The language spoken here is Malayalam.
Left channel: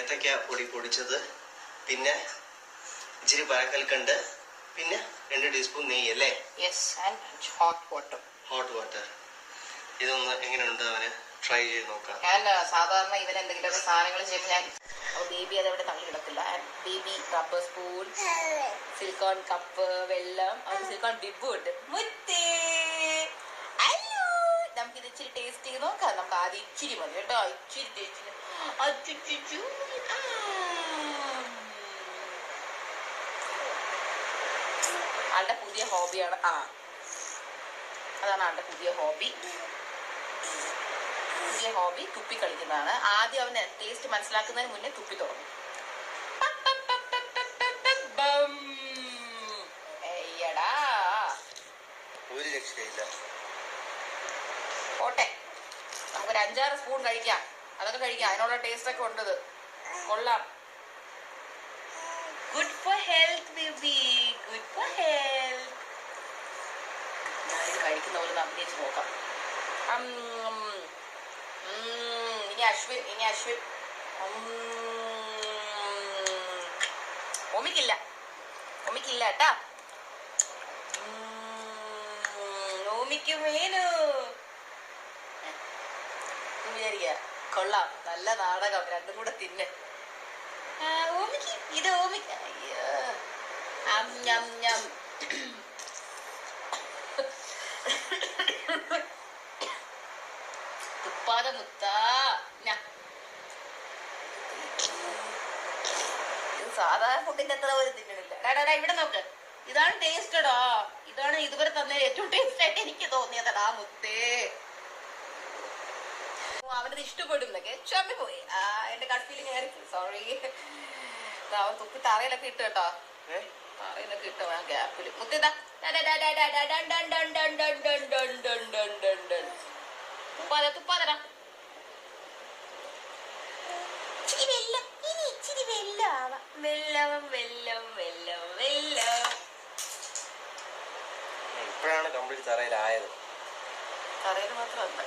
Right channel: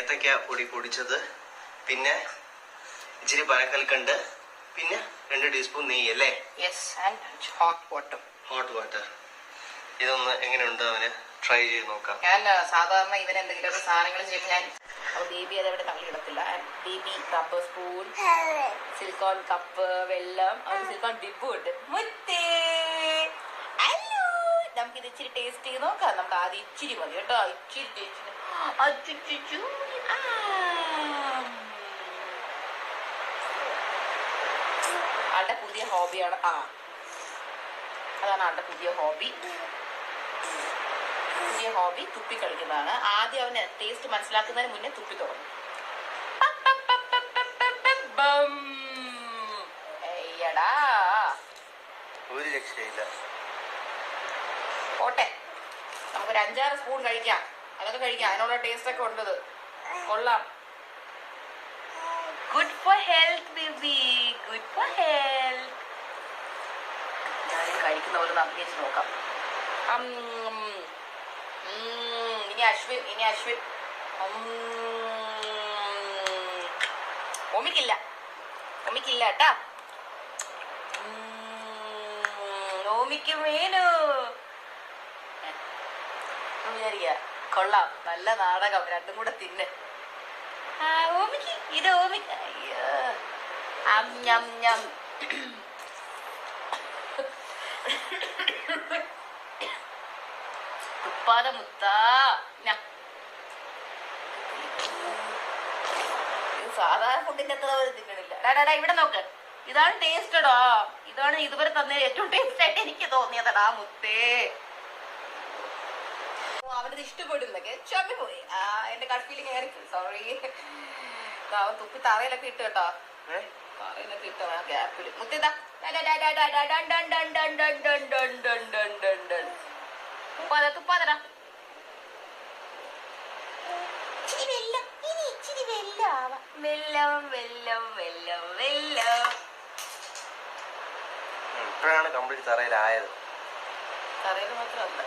ഏത്തക്ക പൊടി പൊടിച്ചത്, പിന്നെ ഇച്ചിരി പനക്കൽക്കണ്ട്, പിന്നെ 2 ടീസ്പൂൺ നെയ്യ് അല്ലേ? Hot water. ഇതൊന്ന് എങ്ങനെയുണ്ട് അവന് ട്രൈ ചെയ്ത് നോക്കാം. ഞാൻ സാധാരണ ഇവന് എന്തെങ്കിലുമൊക്കെ സാധനങ്ങൾ ചെയ്യുമ്പോൾ ഞാൻ ബേബി അതെവിടെ തള്ളി കിടക്കില്ല. Baby cup, spoon, silicone cup, വെള്ളം, സിലിക്കോൺ ഡിബ് ഉണ്ട്. നമുക്കിത് ഇച്ചിരി ടേസ്റ്റ് ചെയ്ത് നോക്കാം. നമുക്ക് ആദ്യം ഇച്ചിരി മതി കേട്ടോ, ഇച്ചിരി ടേസ്റ്റ്. ആളുടെ പുതിയ ഹോബിയാണ്. അതാണ് ആളുടെ പുതിയ ഹോബി. തുപ്പി കളിക്കുന്നതാണ്. ആദ്യം അവന് ടേസ്റ്റ് മനസ്സിലാക്കുന്നതിന് മുന്നേ തുപ്പി തുടങ്ങും. ഒരു രക്ഷയില്ല. പോട്ടെ, നമുക്കൊരു 5-6 സ്പൂൺ കഴിക്കാം. അതൊക്കെ കഴിക്കാം, അതിനുള്ള ടേസ്റ്റ് ഒക്കെ ഉണ്ടത്. കൊള്ളാം. Good for health baby, good for health. ഞാനിത് കഴിക്കുന്ന പോലെ നമുക്ക് നോക്കാം. ഇനി അശ്വിൻ ഓമിക്കില്ല കേട്ടാ. ഓമിക്ക് മേനു വിചാരിക്ക. കൊള്ളാം, നല്ല നാടകം. രണ്ടും കൂടെ തിന്നെ. ഓമിക്ക് ഇത് ഓമിക്ക്. അയ്യോ, തുപ്പാതെ മുത്താ. ഇത് സാധാരണ ഫുഡിന്റെ അത്ര ഒരു തിന്നണില്ല. ഡാ ഇവിടെ നോക്ക്, ഇതാണ് ടേസ്റ്റഡാ. ഇതാണ് ഇതുവരെ തന്നെ ഏറ്റവും ടേസ്റ്റ് ആയിട്ട് എനിക്ക് തോന്നിയതടാ മുത്തേ. അവനത് ഇഷ്ടപ്പെടുന്നൊക്കെ ക്ഷമ പോയി. എന്റെ ഗട്ട് ഫീലിംഗ് ആയിരിക്കും. സോറി. അവൻ തുപ്പി തറയിലൊക്കെ ഇട്ട് കേട്ടോ, തറയിലൊക്കെ ഇട്ടോ ഗ്യാപ്പില്. മുത്തേതാ തുപ്പാതെടാ. ഇച്ചിരി വെള്ളം. ഇപ്പോഴാണ് കംപ്ലീറ്റ് തറയിലായത്. തറയിൽ മാത്രമല്ല,